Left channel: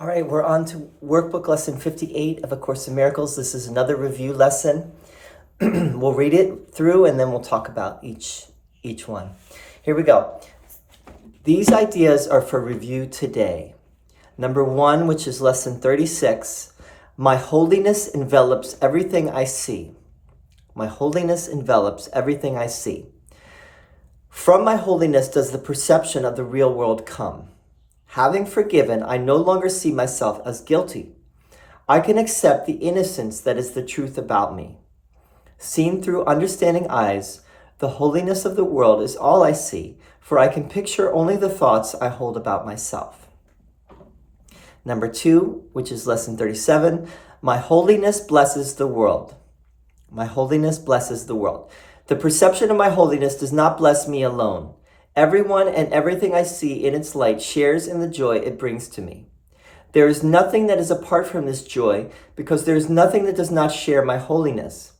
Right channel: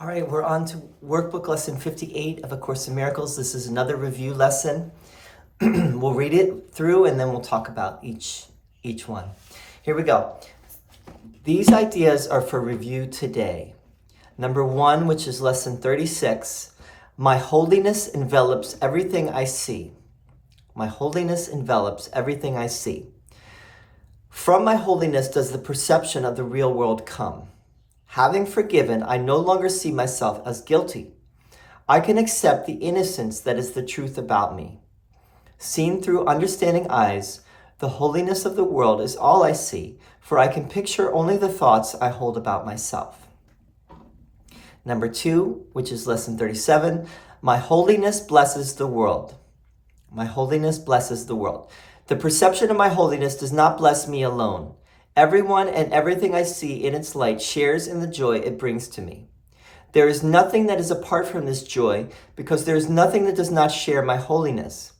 All right, we're on to Workbook Lesson 58 of A Course in Miracles. This is another review lesson. We'll read it through and then we'll talk about each one. Here we go. These ideas are for review today. Number 1, which is Lesson 36, my holiness envelops everything I see. My holiness envelops everything I see. From my holiness does the perception of the real world come. Having forgiven, I no longer see myself as guilty. I can accept the innocence that is the truth about me. Seen through understanding eyes, the holiness of the world is all I see, for I can picture only the thoughts I hold about myself. Number 2, which is Lesson 37, my holiness blesses the world. My holiness blesses the world. The perception of my holiness does not bless me alone. Everyone and everything I see in its light shares in the joy it brings to me. There is nothing that is apart from this joy, because there is nothing that does not share my holiness.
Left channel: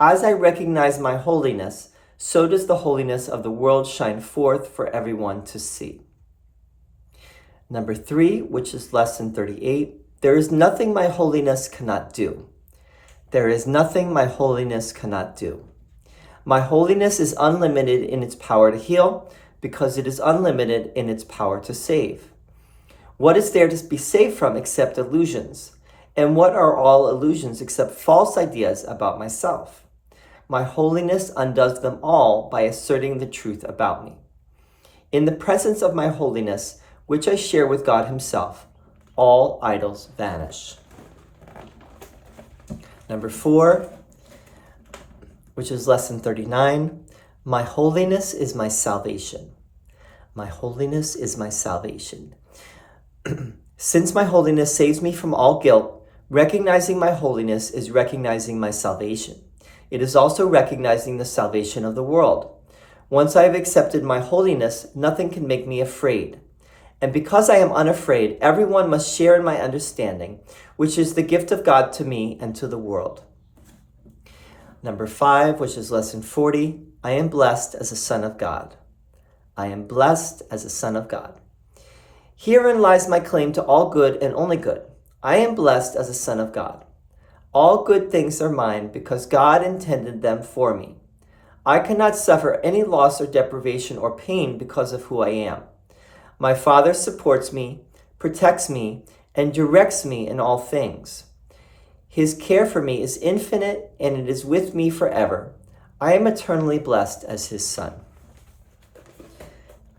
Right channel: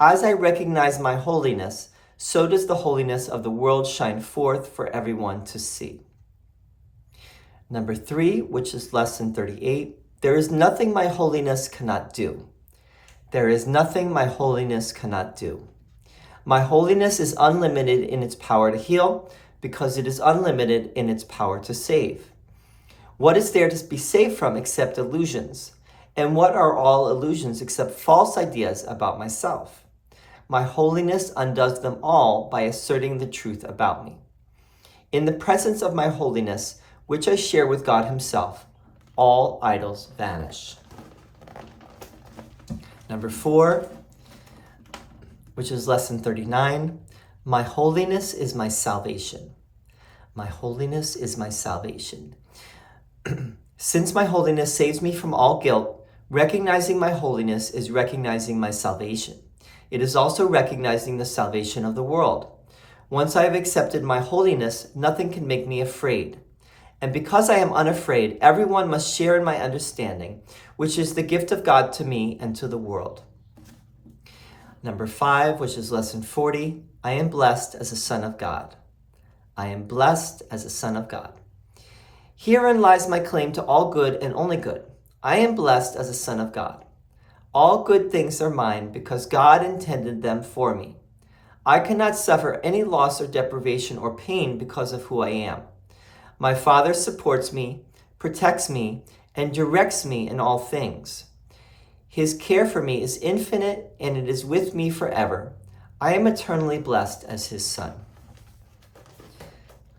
As I recognize my holiness, so does the holiness of the world shine forth for everyone to see. Number 3, which is Lesson 38, there is nothing my holiness cannot do. There is nothing my holiness cannot do. My holiness is unlimited in its power to heal, because it is unlimited in its power to save. What is there to be saved from except illusions? And what are all illusions except false ideas about myself? My holiness undoes them all by asserting the truth about me. In the presence of my holiness, which I share with God Himself, all idols vanish. Number 4, which is Lesson 39, my holiness is my salvation. My holiness is my salvation. Since my holiness saves me from all guilt, recognizing my holiness is recognizing my salvation. It is also recognizing the salvation of the world. Once I have accepted my holiness, nothing can make me afraid. And because I am unafraid, everyone must share in my understanding, which is the gift of God to me and to the world. Number 5, which is Lesson 40, I am blessed as a son of God. I am blessed as a son of God. Herein lies my claim to all good and only good. I am blessed as a son of God. All good things are mine because God intended them for me. I cannot suffer any loss or deprivation or pain because of who I am. My Father supports me, protects me, and directs me in all things. His care for me is infinite, and it is with me forever. I am eternally blessed as His son.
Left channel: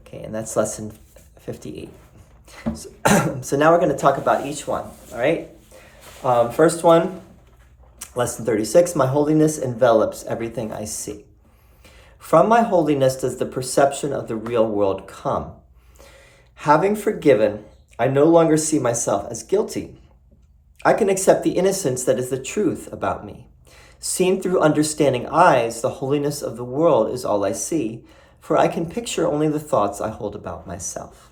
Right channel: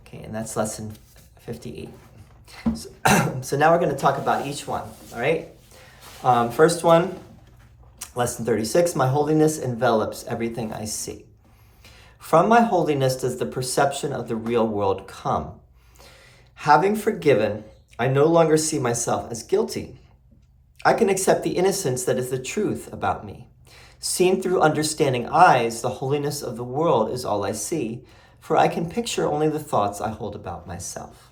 Okay, and that's Lesson 58. So now we're going to talk about each one, all right? First one, Lesson 36, my holiness envelops everything I see. From my holiness does the perception of the real world come. Having forgiven, I no longer see myself as guilty. I can accept the innocence that is the truth about me. Seen through understanding eyes, the holiness of the world is all I see, for I can picture only the thoughts I hold about myself.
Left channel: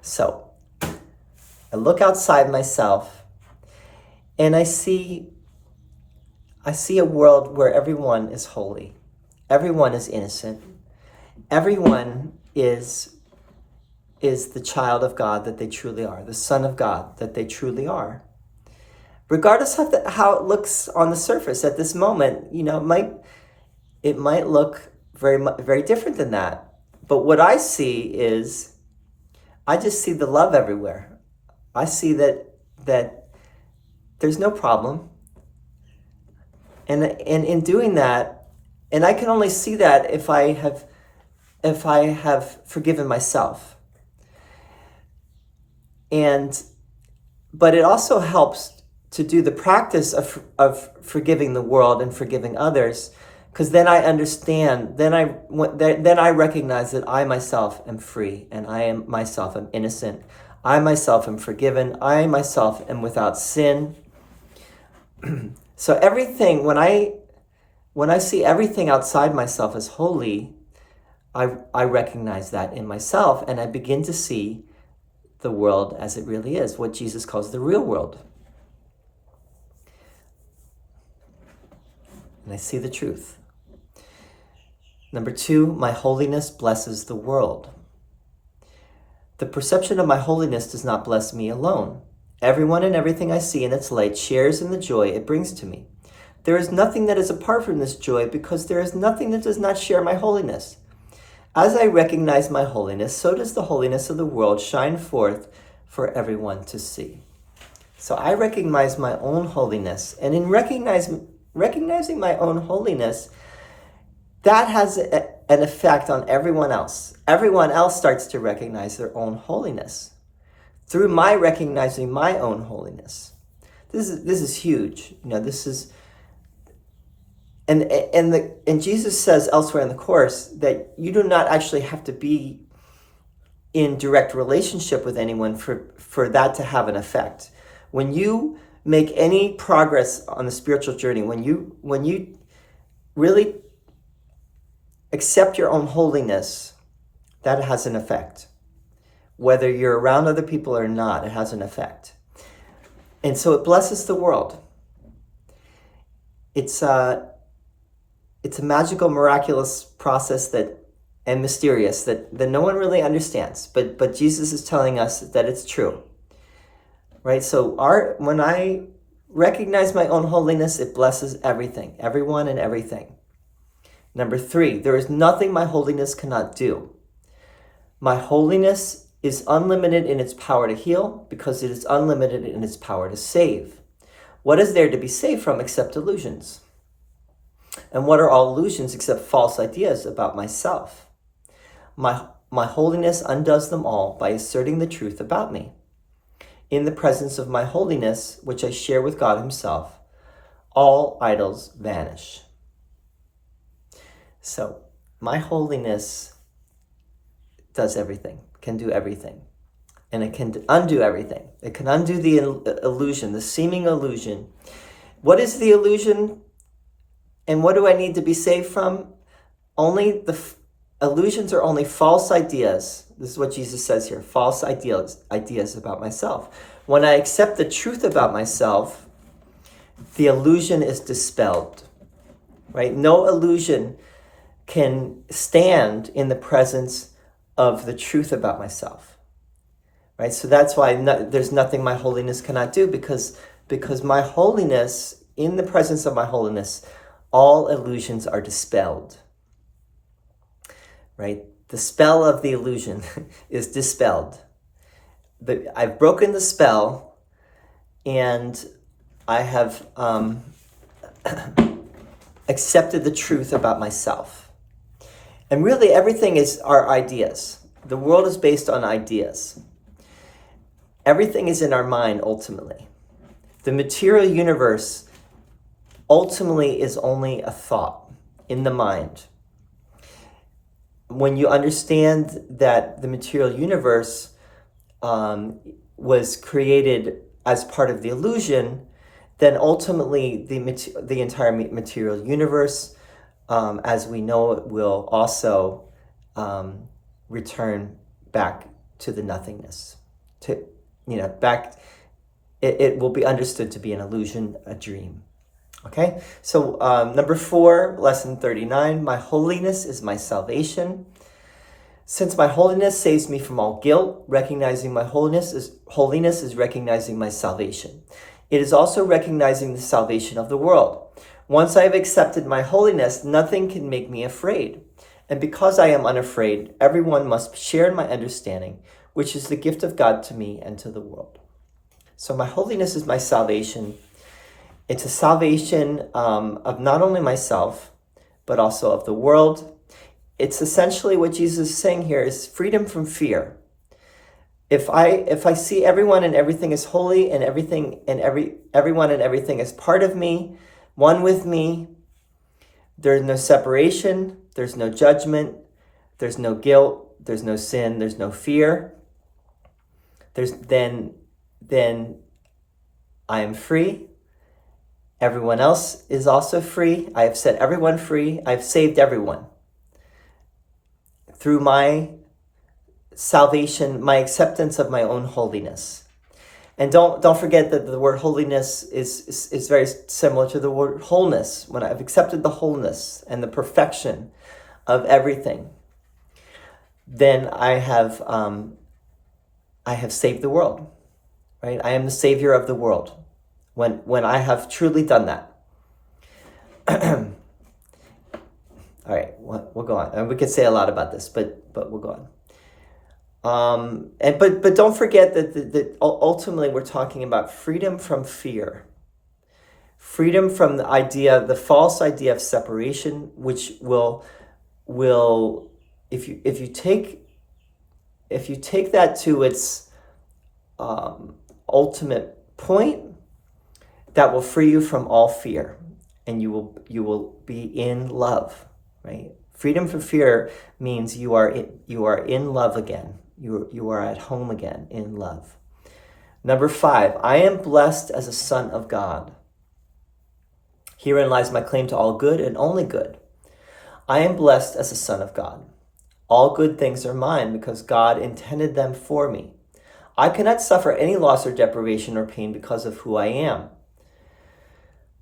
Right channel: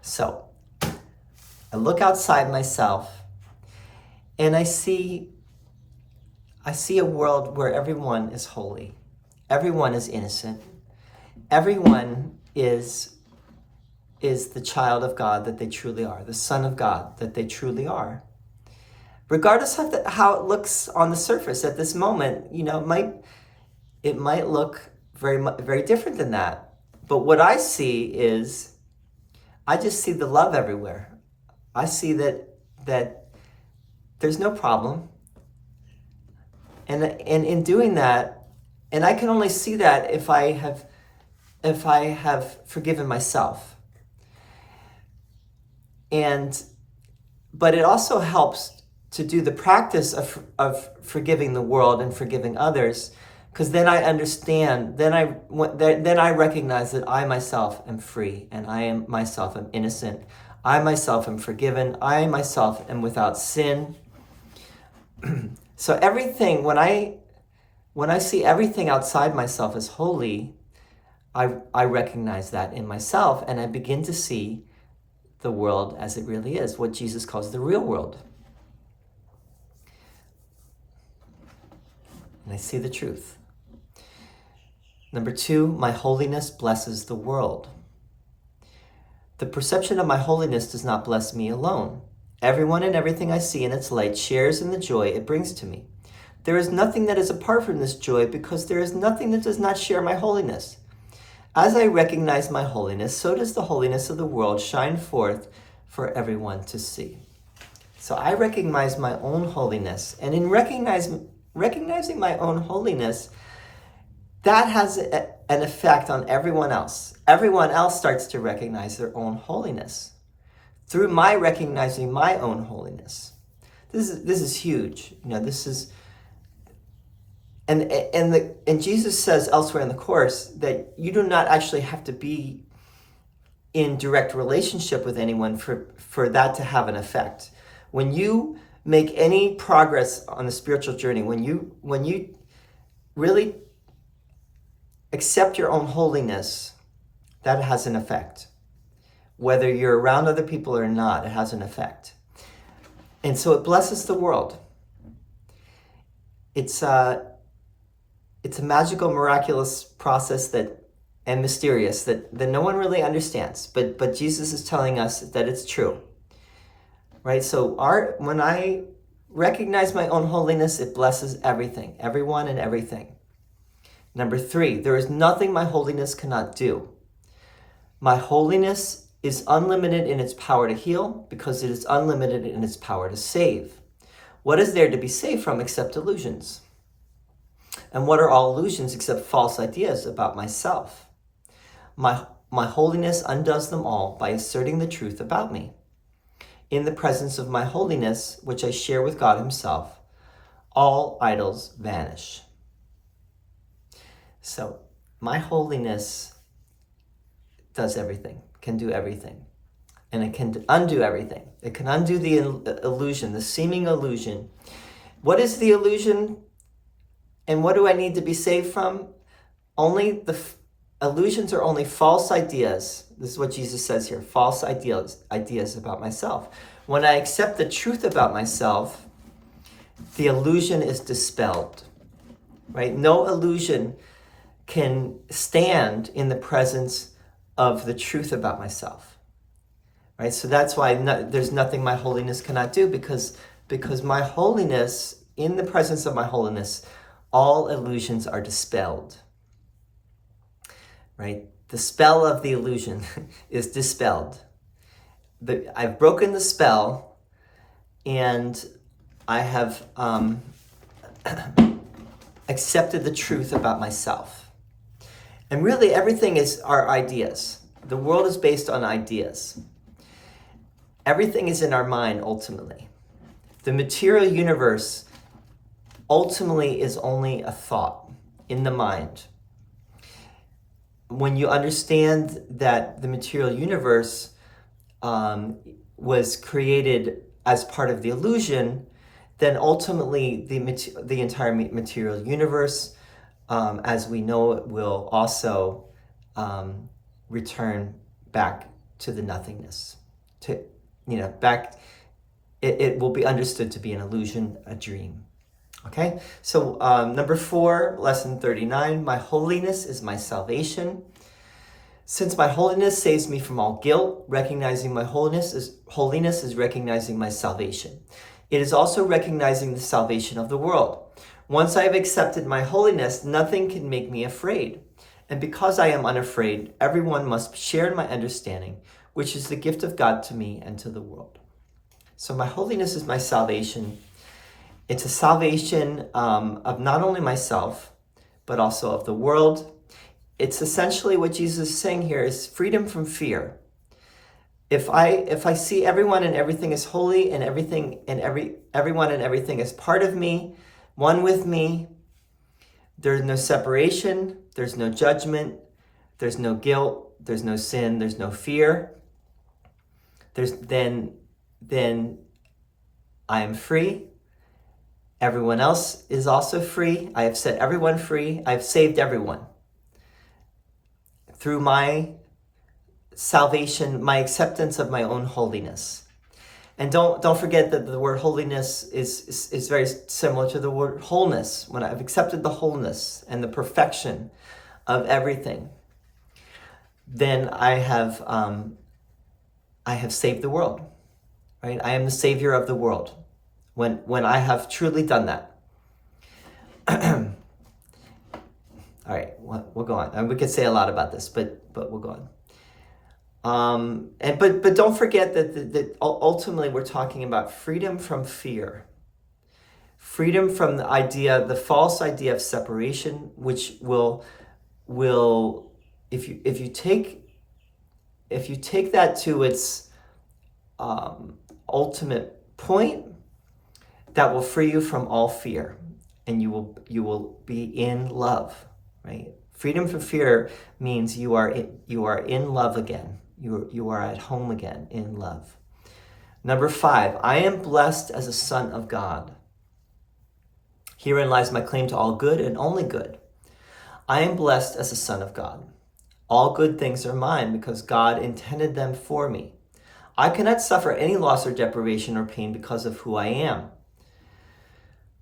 So, I look outside myself and I see a world where everyone is holy. Everyone is innocent. Everyone is the child of God that they truly are, the son of God that they truly are. Regardless of how it looks on the surface at this moment, it might look very different than that. But what I see is, I just see the love everywhere. I see that there's no problem. And in doing that, and I can only see that if I have forgiven myself. But it also helps to do the practice of forgiving the world and forgiving others, because then I understand, then I recognize that I myself am free, and I myself am innocent. I myself am forgiven. I myself am without sin. So everything, when I see everything outside myself as holy, I recognize that in myself, and I begin to see the world as it really is, what Jesus calls the real world. And I see the truth. Number 2, my holiness blesses the world. The perception of my holiness does not bless me alone. Everyone and everything I see in its light shares in the joy it brings to me. There is nothing that is apart from this joy, because there is nothing that does not share my holiness. As I recognize my holiness, so does the holiness of the world shine forth for everyone to see. So I recognize my own holiness, and in recognizing my own holiness, that has an effect on everyone else. Everyone else starts to recognize their own holiness through my recognizing my own holiness. This is huge. This is, and Jesus says elsewhere in the Course that you do not actually have to be in direct relationship with anyone for that to have an effect. When you make any progress on the spiritual journey, when you really accept your own holiness, that has an effect. Whether you're around other people or not, it has an effect. And so it blesses the world. It's a magical, miraculous process and mysterious that no one really understands. But Jesus is telling us that it's true. Right? So when I recognize my own holiness, it blesses everything, everyone and everything. Number 3, there is nothing my holiness cannot do. My holiness is unlimited in its power to heal, because it is unlimited in its power to save. What is there to be saved from except illusions? And what are all illusions except false ideas about myself? My holiness undoes them all by asserting the truth about me. In the presence of my holiness, which I share with God himself, all idols vanish. So my holiness does everything, can do everything, and it can undo everything. It can undo the illusion, the seeming illusion. What is the illusion, and what do I need to be saved from? Illusions are only false ideas. This is what Jesus says here, false ideas about myself. When I accept the truth about myself, the illusion is dispelled, right? No illusion can stand in the presence of the truth about myself, right? So that's why there's nothing my holiness cannot do, because my holiness, in the presence of my holiness, all illusions are dispelled, right? The spell of the illusion is dispelled. I've broken the spell, and I have accepted the truth about myself. And really, everything are ideas. The world is based on ideas. Everything is in our mind, ultimately. The material universe ultimately is only a thought in the mind. When you understand that the material universe was created as part of the illusion, then ultimately the entire material universe, as we know it, will also return back to the nothingness. It will be understood to be an illusion, a dream. Okay, so number 4, lesson 39, my holiness is my salvation. Since my holiness saves me from all guilt, recognizing my holiness is recognizing my salvation. It is also recognizing the salvation of the world. Once I have accepted my holiness, nothing can make me afraid. And because I am unafraid, everyone must share in my understanding, which is the gift of God to me and to the world. So my holiness is my salvation. It's a salvation of not only myself, but also of the world. It's essentially what Jesus is saying here is freedom from fear. If I see everyone and everything is holy, and everyone and everything is part of me, one with me, there's no separation, there's no judgment, there's no guilt, there's no sin, there's no fear. Then I am free. Everyone else is also free. I have set everyone free. I've saved everyone. Through my salvation, my acceptance of my own holiness. And don't forget that the word holiness is very similar to the word wholeness. When I've accepted the wholeness and the perfection of everything, then I have I have saved the world, right? I am the savior of the world when I have truly done that. All right, we'll go on. And we could say a lot about this, but we'll go on. But don't forget that ultimately we're talking about freedom from fear, freedom from the false idea of separation, which will if you take that to its ultimate point, that will free you from all fear, and you will be in love. Right? Freedom from fear means you are in love again. You are at home again in love. Number 5, I am blessed as a son of God. Herein lies my claim to all good and only good. I am blessed as a son of God. All good things are mine because God intended them for me. I cannot suffer any loss or deprivation or pain because of who I am.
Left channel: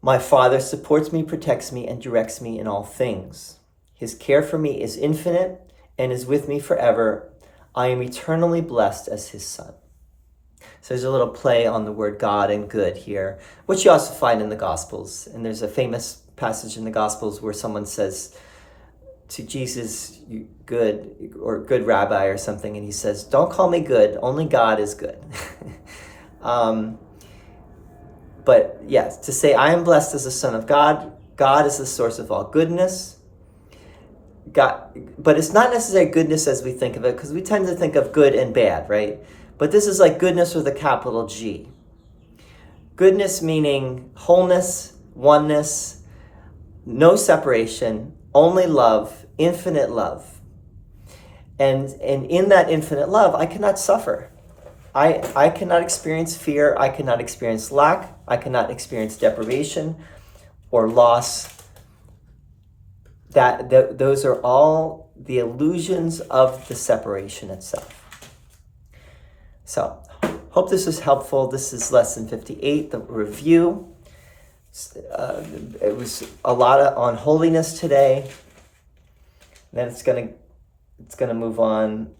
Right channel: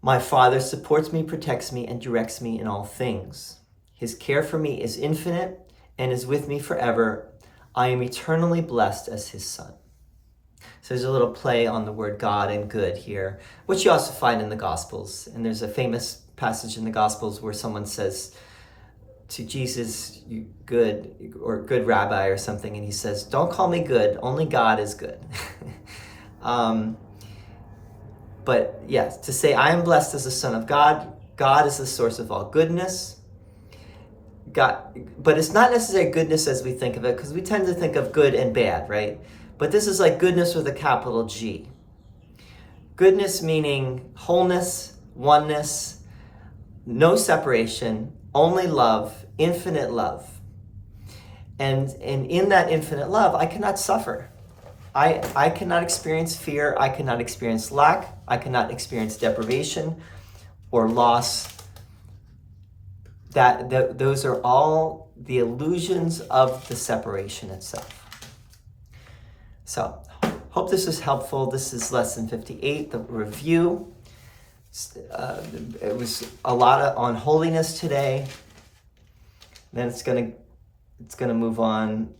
My Father supports me, protects me, and directs me in all things. His care for me is infinite and is with me forever. I am eternally blessed as his son. So there's a little play on the word God and good here, which you also find in the Gospels. And there's a famous passage in the Gospels where someone says to Jesus, "You good," or "good rabbi," or something. And he says, "Don't call me good, only God is good." But yes, to say I am blessed as a son of God, God is the source of all goodness. God, but it's not necessarily goodness as we think of it, because we tend to think of good and bad, right? But this is like goodness with a capital G. Goodness meaning wholeness, oneness, no separation, only love, infinite love. And in that infinite love, I cannot suffer. I cannot experience fear. I cannot experience lack. I cannot experience deprivation or loss. Those are all the illusions of the separation itself. So, hope this was helpful. This is lesson 58, the review. It was a lot on holiness today. Then it's gonna move on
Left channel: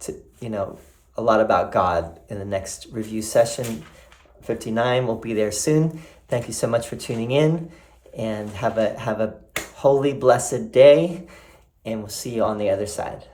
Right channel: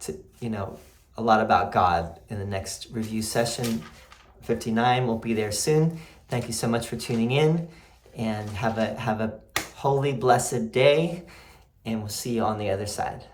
to a lot about God in the next review session. 59 will be there soon. Thank you so much for tuning in, and have a holy, blessed day, and we'll see you on the other side.